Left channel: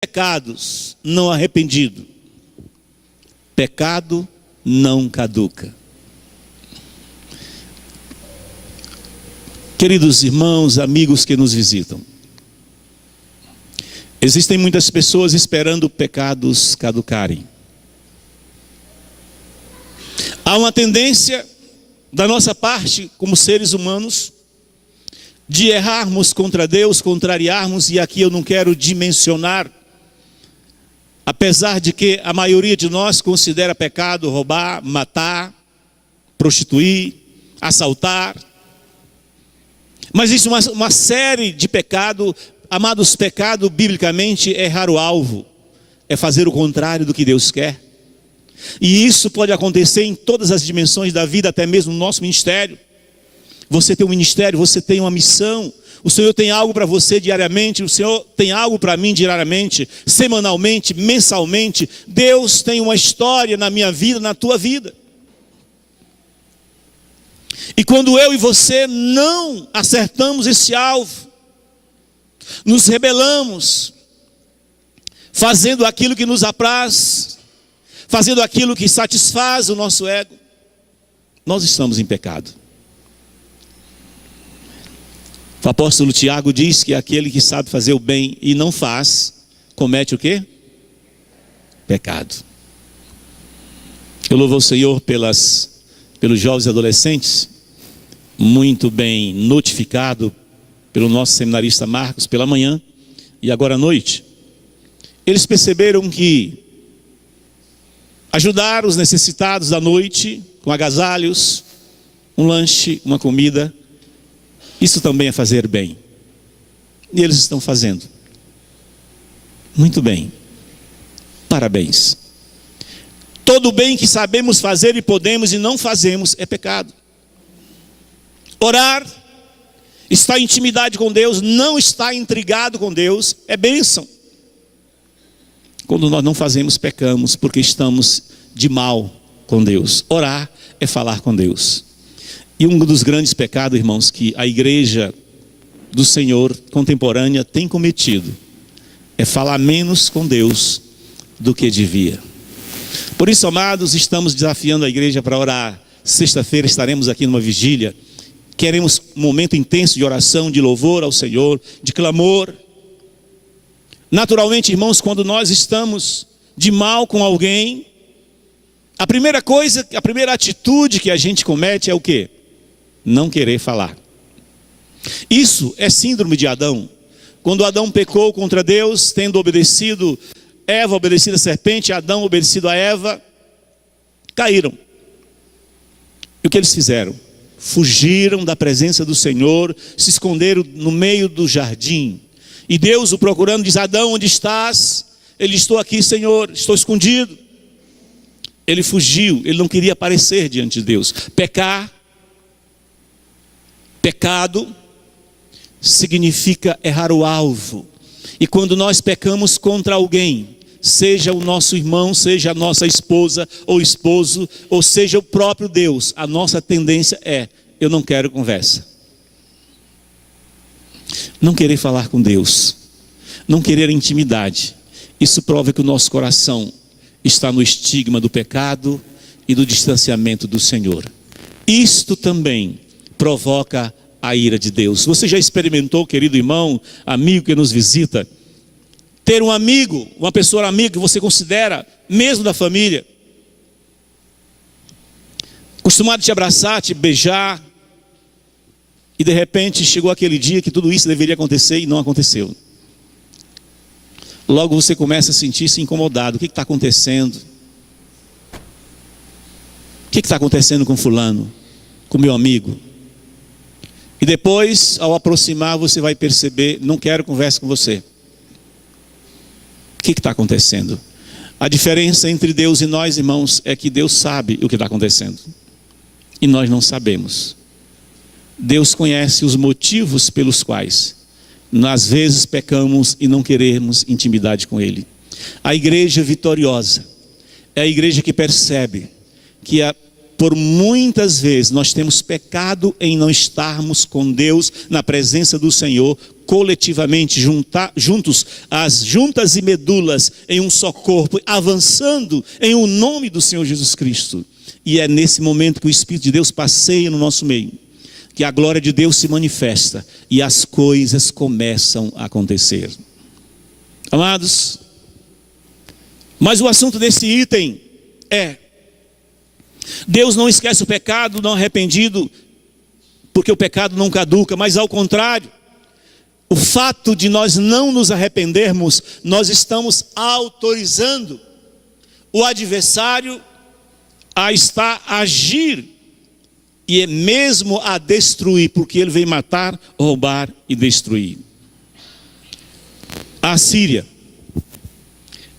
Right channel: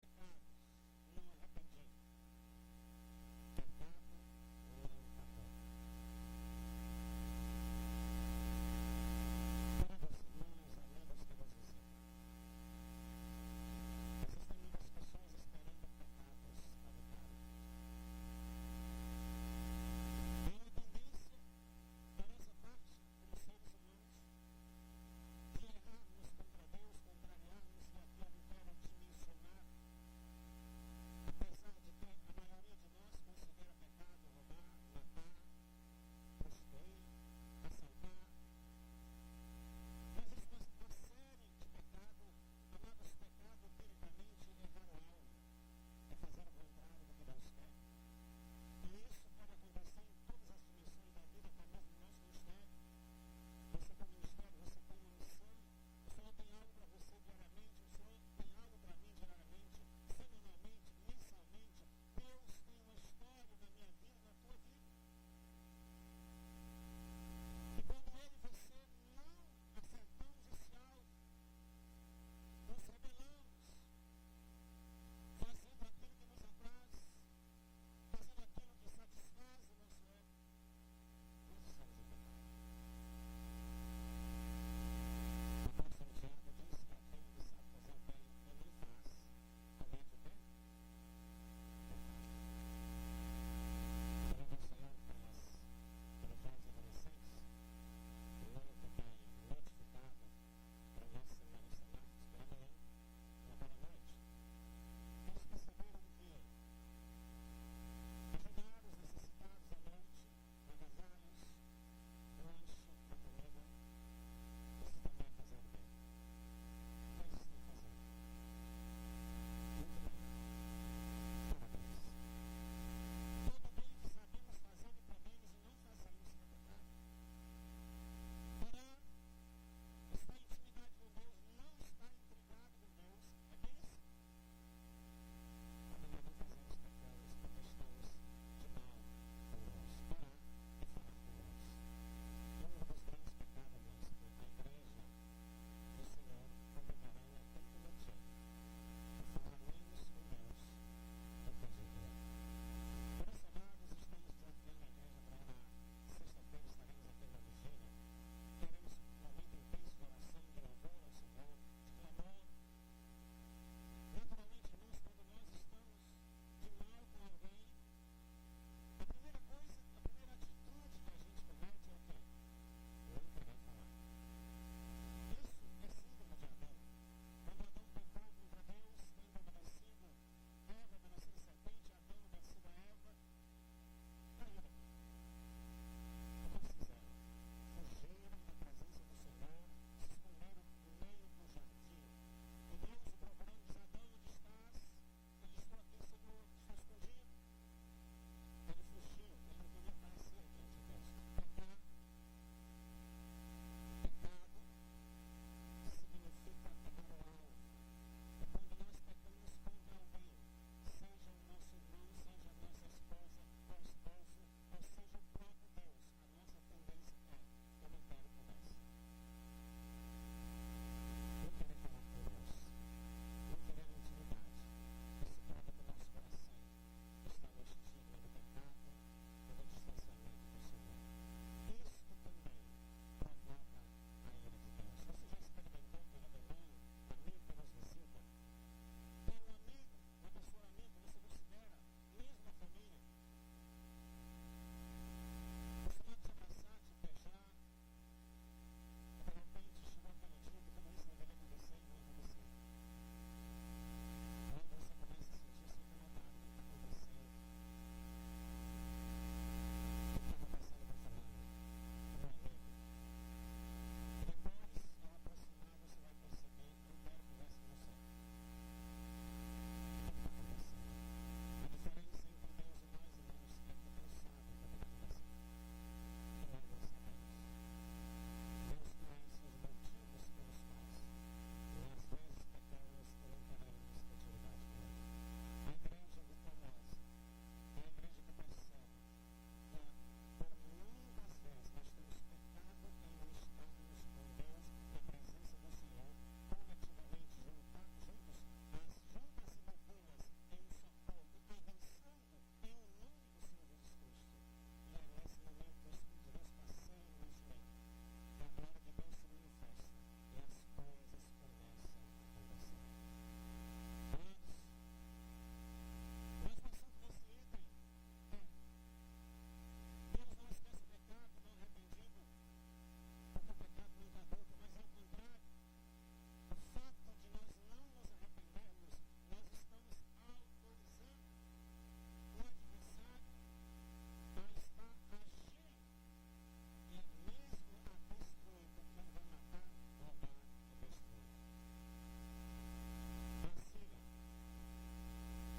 pecados não arrependido, pecado não caduca. Queridos irmãos, amigos que nos visitam, existem muitas pessoas esperando pecados caducarem. Há uma tendência da nossa parte, como seres humanos, de errarmos contra Deus, contrariarmos, e aqui eu não quero dimensionar, apesar de que a maioria de nós considera pecado roubar, matar, prostituir, assaltar. Mas isso é uma série de pecados. Amados, pecado biblicamente é errar o alvo, é fazer o contrário do que Deus quer. E isso pode acontecer em todas as dimensões da vida, até mesmo no nosso ministério. Você tem um ministério, você tem uma missão. O Senhor tem algo para você diariamente, o Senhor tem algo para mim diariamente, semanalmente, mensalmente. Deus tem uma história na minha vida, na tua vida. E quando eu e você não acertamos esse alvo, nos rebelamos, fazendo aquilo que nos apraz, fazendo aquilo que satisfaz o nosso ego, nós estamos em pecado. O apóstolo Tiago diz que aquele que sabe fazer o bem e não faz, comete o quê? Pecado. Eu louvo ao Senhor pelos jovens e adolescentes, muito bem notificado pelo nosso seminarista Marcos pela manhã e agora à noite. Eles perceberam que ajudar os necessitados da noite, com agasalhos, um lanche, uma comida, isso também é fazer bem. E eles estão fazendo. Muito bem. Parabéns. Todo o bem que sabemos fazer e podemos e não fazemos é pecado. Orar, estar em intimidade com Deus, não estar intrigado com Deus, é bênção. Quando nós não fazemos, pecamos, porque estamos de mal com Deus. Orar é falar com Deus. E um dos grandes pecados, irmãos, que a igreja do Senhor contemporânea tem cometido, é falar menos com Deus do que devia. Por isso, amados, estamos desafiando a igreja para orar. Sexta-feira estaremos aqui numa vigília. Queremos um momento intenso de oração, de louvor ao Senhor, de clamor. Naturalmente, irmãos, quando nós estamos de mal com alguém, a primeira atitude que a gente comete é o quê? Não querer falar. Isso é síndrome de Adão. Quando Adão pecou contra Deus, tendo obedecido, Eva obedecido a serpente, Adão obedecido a Eva, caíram. E o que eles fizeram? Fugiram da presença do Senhor, se esconderam no meio do jardim. E Deus o procurando, diz: Adão, onde estás? Ele: estou aqui, Senhor, estou escondido. Ele fugiu, ele não queria aparecer diante de Deus. Pecado significa errar o alvo. E quando nós pecamos contra alguém, seja o nosso irmão, seja a nossa esposa ou esposo, ou seja o próprio Deus, a nossa tendência é: eu não quero conversa. Não querer falar com Deus, não querer intimidade. Isso prova que o nosso coração está no estigma do pecado e do distanciamento do Senhor. Isto também provoca a ira de Deus. Você já experimentou, querido irmão, amigo que nos visita, ter um amigo, uma pessoa amiga que você considera mesmo da família, acostumado a te abraçar, te beijar, e de repente chegou aquele dia que tudo isso deveria acontecer e não aconteceu. Logo você começa a sentir-se incomodado. O que está acontecendo? O que está acontecendo com fulano? Com meu amigo? E depois, ao aproximar, você vai perceber: não quero conversa com você. O que está acontecendo? A diferença entre Deus e nós, irmãos, é que Deus sabe o que está acontecendo e nós não sabemos. Deus conhece os motivos pelos quais às vezes pecamos e não queremos intimidade com Ele. A igreja vitoriosa é a igreja que percebe que por muitas vezes nós temos pecado em não estarmos com Deus na presença do Senhor, coletivamente, juntos, as juntas e medulas em um só corpo, avançando em o nome do Senhor Jesus Cristo. E é nesse momento que o Espírito de Deus passeia no nosso meio, que a glória de Deus se manifesta e as coisas começam a acontecer. Amados, mas o assunto desse item é: Deus não esquece o pecado não arrependido, porque o pecado não caduca, mas ao contrário, o fato de nós não nos arrependermos, nós estamos autorizando o adversário a estar a agir e mesmo a destruir, porque ele vem matar, roubar e destruir. A Síria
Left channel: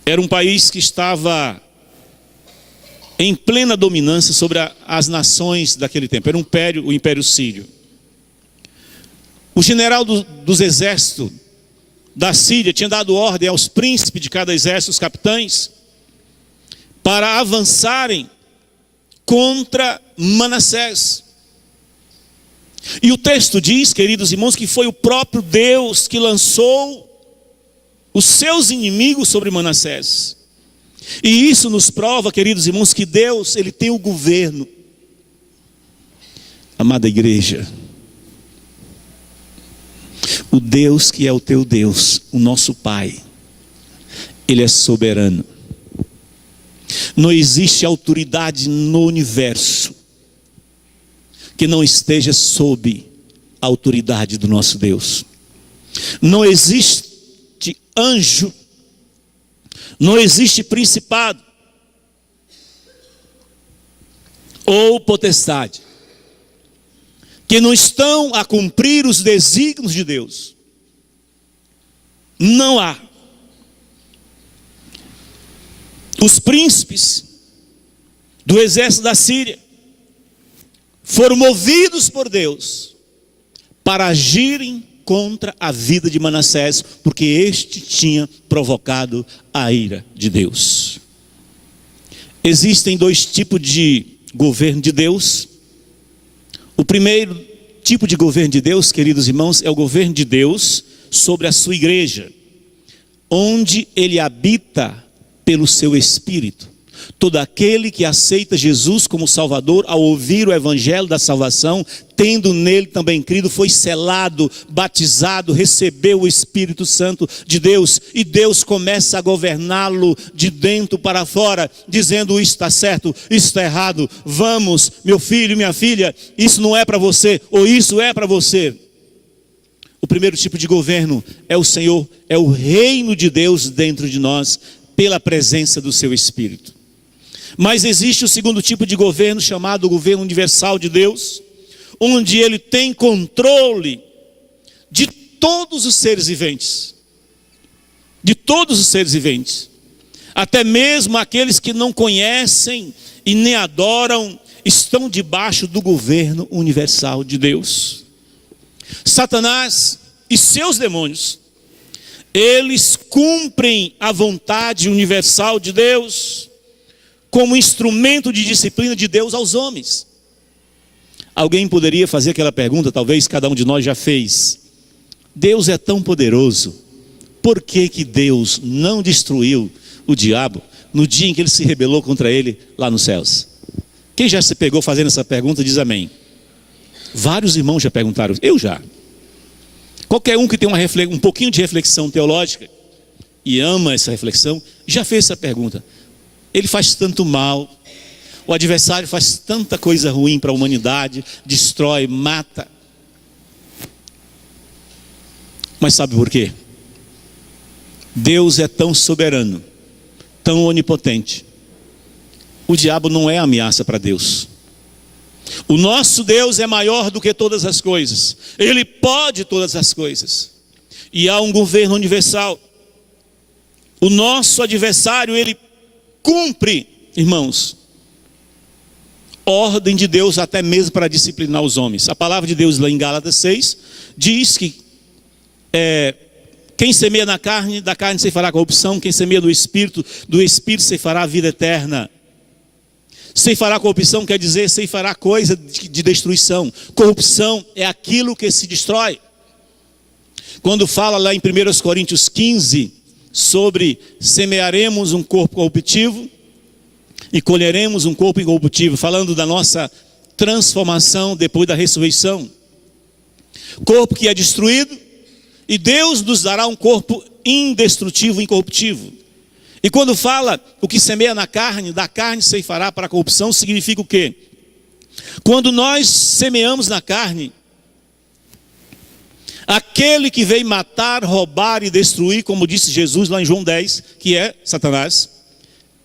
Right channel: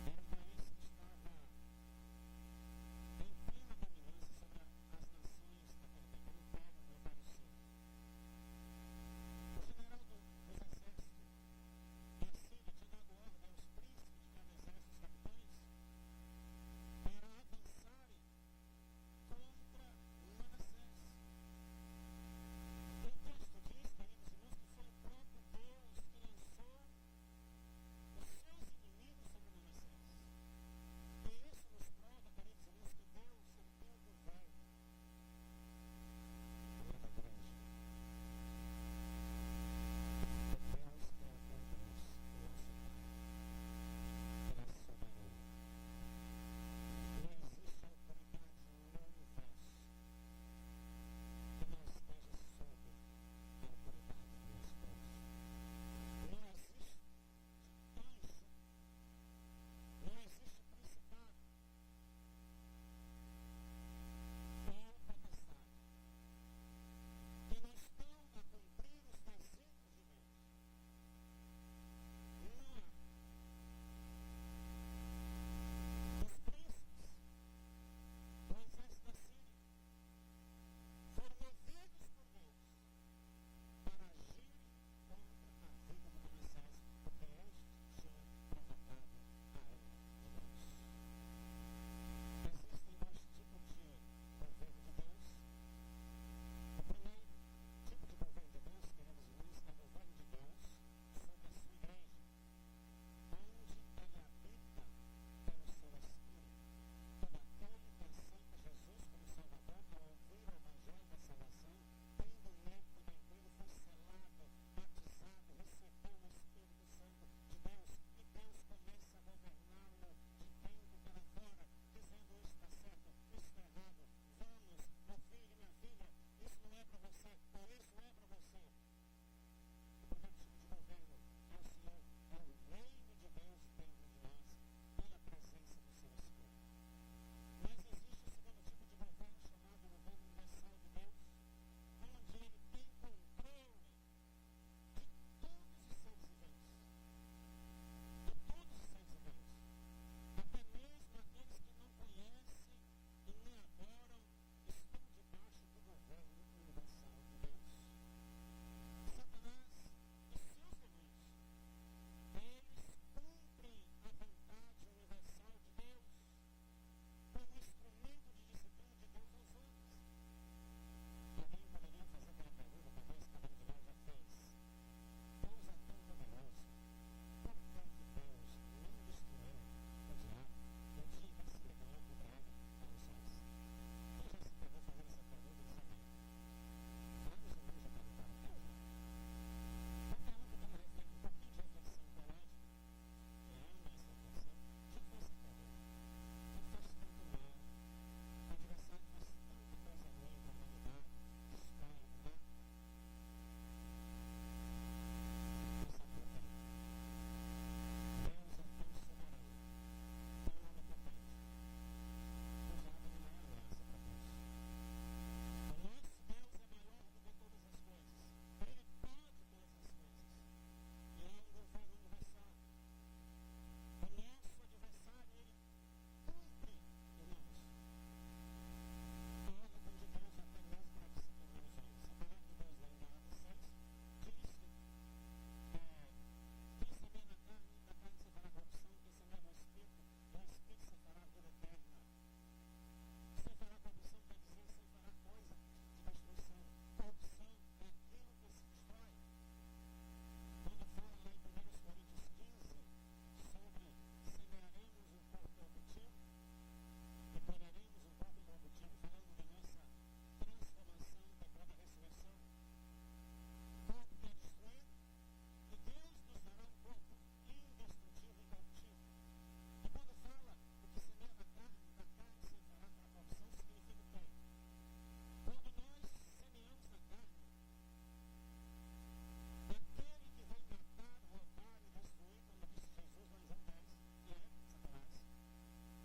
era um país que estava em plena dominância sobre as nações daquele tempo. Era o Império Sírio. O general dos exércitos da Síria tinha dado ordem aos príncipes de cada exército, os capitães, para avançarem contra Manassés. E o texto diz, queridos irmãos, que foi o próprio Deus que lançou os seus inimigos sobre Manassés. E isso nos prova, queridos irmãos, que Deus, Ele tem o governo. Amada igreja, o Deus que é o teu Deus, o nosso Pai, Ele é soberano. Não existe autoridade no universo que não esteja sob a autoridade do nosso Deus. Não existe anjo, não existe principado ou potestade que não estão a cumprir os desígnios de Deus. Não há. Os príncipes do exército da Síria foram movidos por Deus para agirem contra a vida de Manassés, porque este tinha provocado a ira de Deus. Existem dois tipos de governo de Deus. O primeiro tipo de governo de Deus, queridos irmãos, é o governo de Deus sobre a sua igreja, onde Ele habita pelo seu Espírito. Todo aquele que aceita Jesus como Salvador, ao ouvir o Evangelho da salvação, tendo nele também crido, foi selado, batizado, recebeu o Espírito Santo de Deus, e Deus começa a governá-lo de dentro para fora, dizendo: isso está certo, isso está errado, vamos, meu filho, minha filha, isso não é para você, ou isso é para você. O primeiro tipo de governo é o Senhor, é o reino de Deus dentro de nós, pela presença do seu Espírito. Mas existe o segundo tipo de governo, chamado governo universal de Deus, onde Ele tem controle de todos os seres viventes. De todos os seres viventes. Até mesmo aqueles que não conhecem e nem adoram, estão debaixo do governo universal de Deus. Satanás e seus demônios, eles cumprem a vontade universal de Deus como instrumento de disciplina de Deus aos homens. Alguém poderia fazer aquela pergunta, talvez cada um de nós já fez: Deus é tão poderoso, por que que Deus não destruiu o diabo no dia em que ele se rebelou contra ele lá nos céus? Quem já se pegou fazendo essa pergunta diz amém. Vários irmãos já perguntaram, eu já. Qualquer um que tem um pouquinho de reflexão teológica e ama essa reflexão, já fez essa pergunta. Ele faz tanto mal, o adversário faz tanta coisa ruim para a humanidade, destrói, mata. Mas sabe por quê? Deus é tão soberano, tão onipotente. O diabo não é ameaça para Deus. O nosso Deus é maior do que todas as coisas. Ele pode todas as coisas. E há um governo universal. O nosso adversário, ele cumpre, irmãos, ordem de Deus até mesmo para disciplinar os homens. A palavra de Deus lá em Gálatas 6 diz que quem semeia na carne, da carne se fará corrupção. Quem semeia no Espírito, do Espírito se fará a vida eterna. Ceifará corrupção quer dizer ceifará coisa de destruição. Corrupção é aquilo que se destrói. Quando fala lá em 1 Coríntios 15 sobre semearemos um corpo corruptivo e colheremos um corpo incorruptível, falando da nossa transformação depois da ressurreição. Corpo que é destruído, e Deus nos dará um corpo indestrutível, incorruptível. E quando fala o que semeia na carne, da carne ceifará para a corrupção, significa o quê? Quando nós semeamos na carne, aquele que veio matar, roubar e destruir, como disse Jesus lá em João 10, que é Satanás,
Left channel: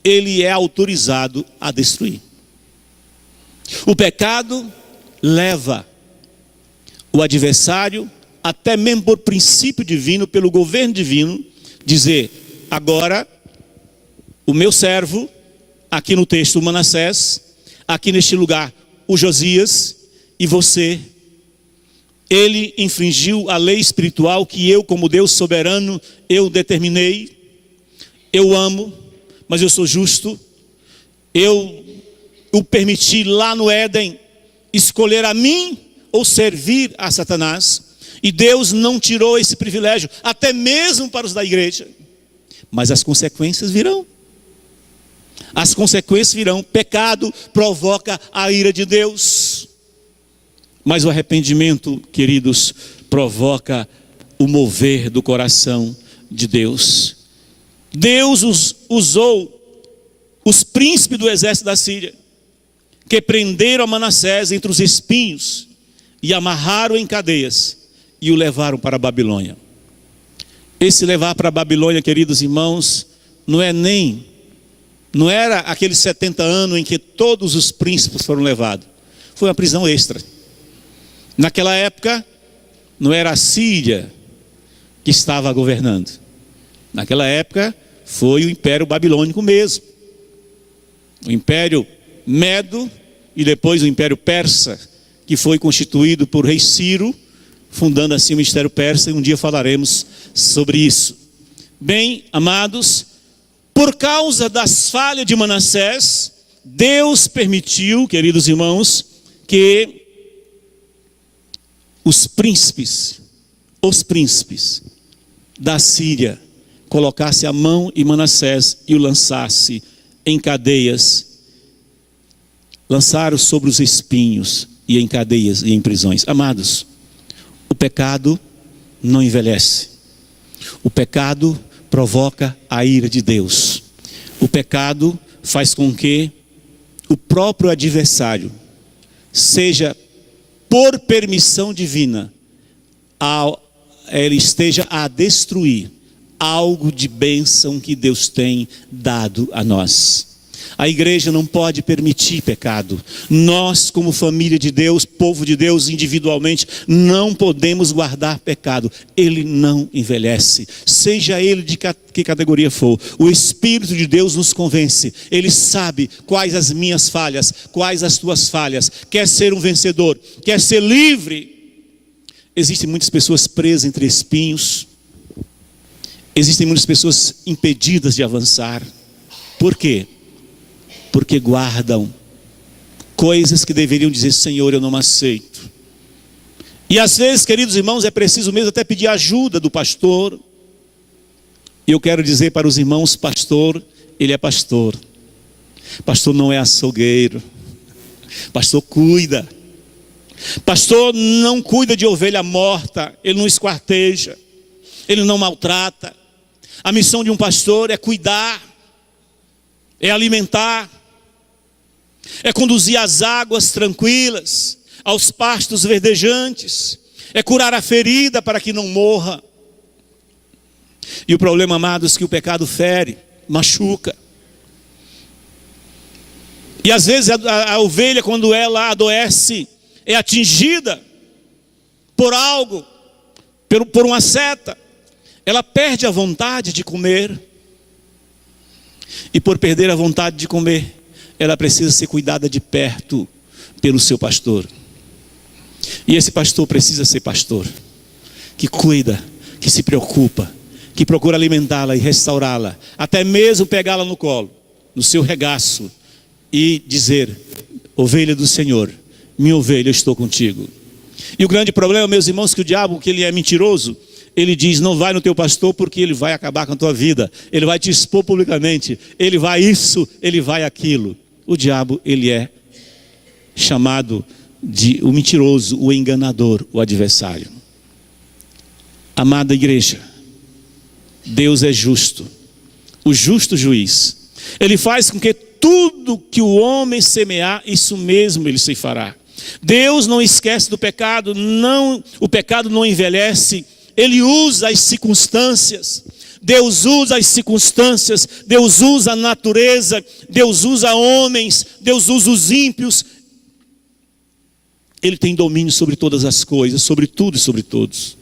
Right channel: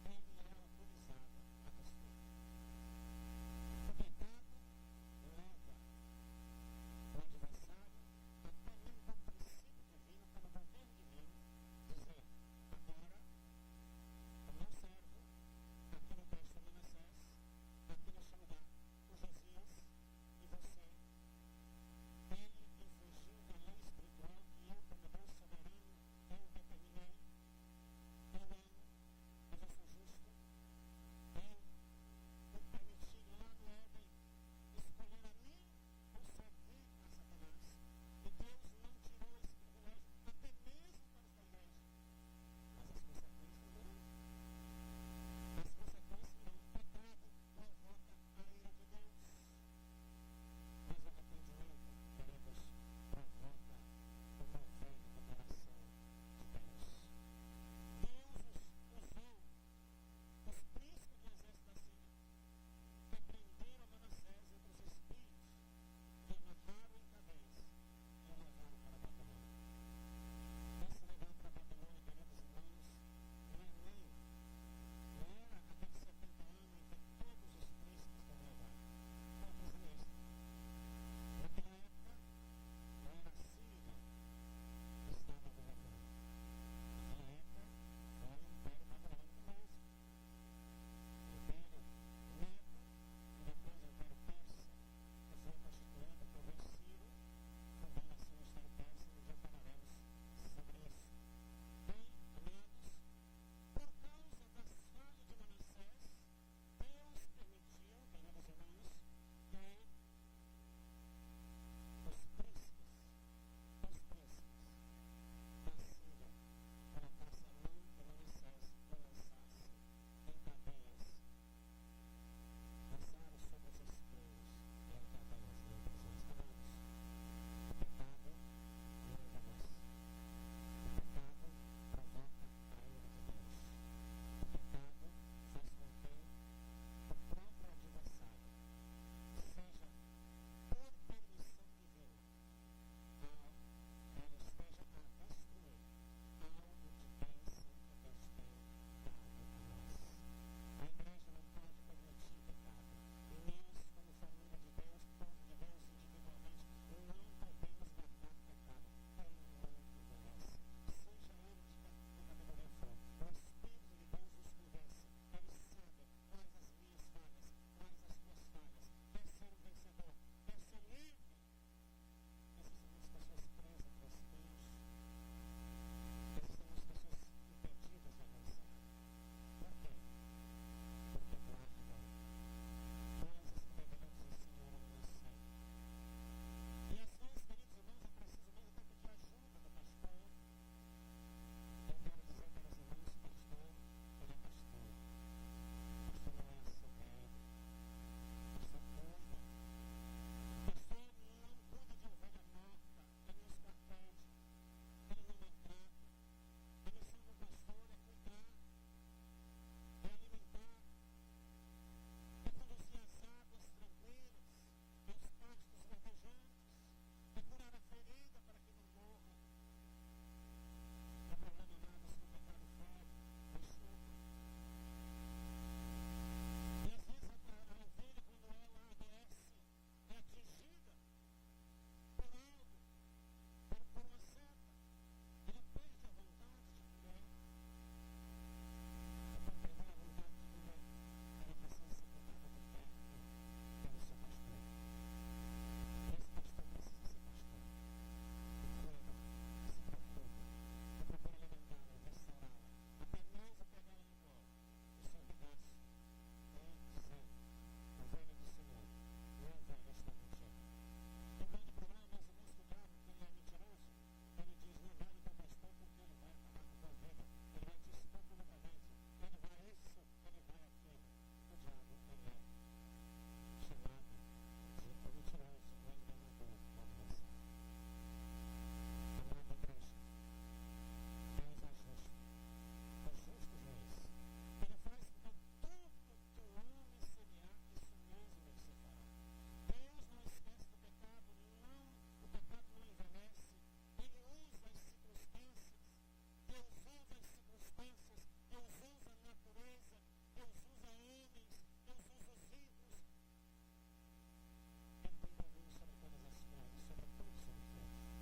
ele é autorizado a destruir. O pecado leva o adversário, até mesmo por princípio divino, pelo governo divino, dizer: agora o meu servo, aqui no texto o Manassés, aqui neste lugar o Josias, e você, ele infringiu a lei espiritual que eu, como Deus soberano, eu determinei. Eu amo, mas eu sou justo. Eu o permiti lá no Éden escolher a mim ou servir a Satanás. E Deus não tirou esse privilégio, até mesmo para os da igreja. Mas as consequências virão. As consequências virão. Pecado provoca a ira de Deus. Mas o arrependimento, queridos, provoca o mover do coração de Deus. Deus usou os príncipes do exército da Síria, que prenderam a Manassés entre os espinhos e amarraram em cadeias e o levaram para a Babilônia. Esse levar para a Babilônia, queridos irmãos, não era aqueles 70 anos em que todos os príncipes foram levados. Foi uma prisão extra. Naquela época, não era a Síria que estava governando. Naquela época, foi o Império Babilônico mesmo. O Império Medo e depois o Império Persa, que foi constituído por rei Ciro, fundando assim o Ministério Persa, e um dia falaremos sobre isso. Bem, amados, por causa das falhas de Manassés, Deus permitiu, queridos irmãos, que os príncipes da Síria colocasse a mão em Manassés e o lançasse em cadeias, lançaram sobre os espinhos e em cadeias e em prisões. Amados, o pecado não envelhece. O pecado provoca a ira de Deus. O pecado faz com que o próprio adversário seja, por permissão divina, ele esteja a destruir algo de bênção que Deus tem dado a nós. A igreja não pode permitir pecado. Nós, como família de Deus, povo de Deus, individualmente, não podemos guardar pecado. Ele não envelhece, seja ele de que categoria for. O Espírito de Deus nos convence. Ele sabe quais as minhas falhas, quais as tuas falhas. Quer ser um vencedor, quer ser livre. Existem muitas pessoas presas entre espinhos. Existem muitas pessoas impedidas de avançar. Por quê? Porque guardam coisas que deveriam dizer: Senhor, eu não aceito. E às vezes, queridos irmãos, é preciso mesmo até pedir ajuda do pastor. E eu quero dizer para os irmãos: pastor, ele é pastor. Pastor não é açougueiro. Pastor cuida. Pastor não cuida de ovelha morta. Ele não esquarteja. Ele não maltrata. A missão de um pastor é cuidar, é alimentar, é conduzir as águas tranquilas, aos pastos verdejantes, é curar a ferida para que não morra. E o problema, amados, é que o pecado fere, machuca. E às vezes a ovelha, quando ela adoece, é atingida por algo, por uma seta, ela perde a vontade de comer. E por perder a vontade de comer, ela precisa ser cuidada de perto pelo seu pastor. E esse pastor precisa ser pastor que cuida, que se preocupa, que procura alimentá-la e restaurá-la, até mesmo pegá-la no colo, no seu regaço, e dizer: ovelha do Senhor, minha ovelha, eu estou contigo. E o grande problema, meus irmãos, que o diabo, que ele é mentiroso, ele diz: não vai no teu pastor porque ele vai acabar com a tua vida, ele vai te expor publicamente, ele vai isso, ele vai aquilo. O diabo, ele é chamado de o mentiroso, o enganador, o adversário. Amada igreja, Deus é justo, o justo juiz. Ele faz com que tudo que o homem semear, isso mesmo ele se fará. Deus não esquece do pecado, não, o pecado não envelhece. Ele usa as circunstâncias, Deus usa as circunstâncias, Deus usa a natureza, Deus usa homens, Deus usa os ímpios. Ele tem domínio sobre todas as coisas, sobre tudo e sobre todos.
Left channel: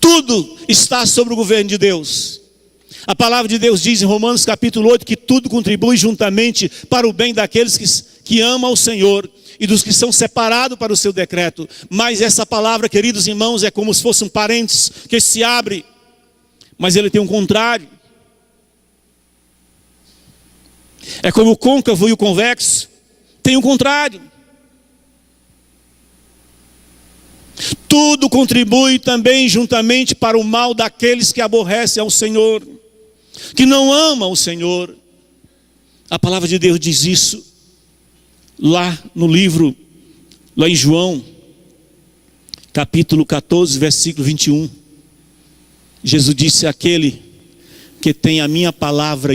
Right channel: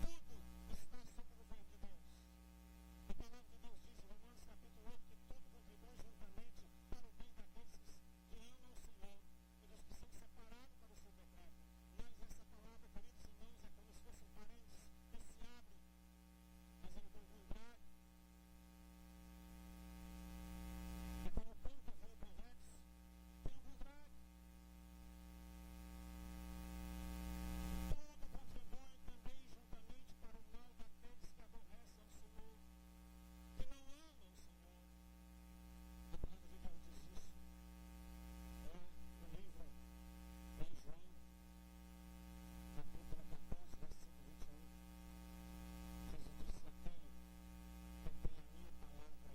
Tudo está sobre o governo de Deus. A palavra de Deus diz em Romanos capítulo 8 que tudo contribui juntamente para o bem daqueles que amam ao Senhor e dos que são separados para o seu decreto. Mas essa palavra, queridos irmãos, é como se fosse um parênteses que se abre, mas ele tem um contrário. É como o côncavo e o convexo, tem um contrário. Tudo contribui também juntamente para o mal daqueles que aborrecem ao Senhor, que não amam o Senhor. A palavra de Deus diz isso lá no livro, lá em João, capítulo 14, versículo 21. Jesus disse: aquele que tem a minha palavra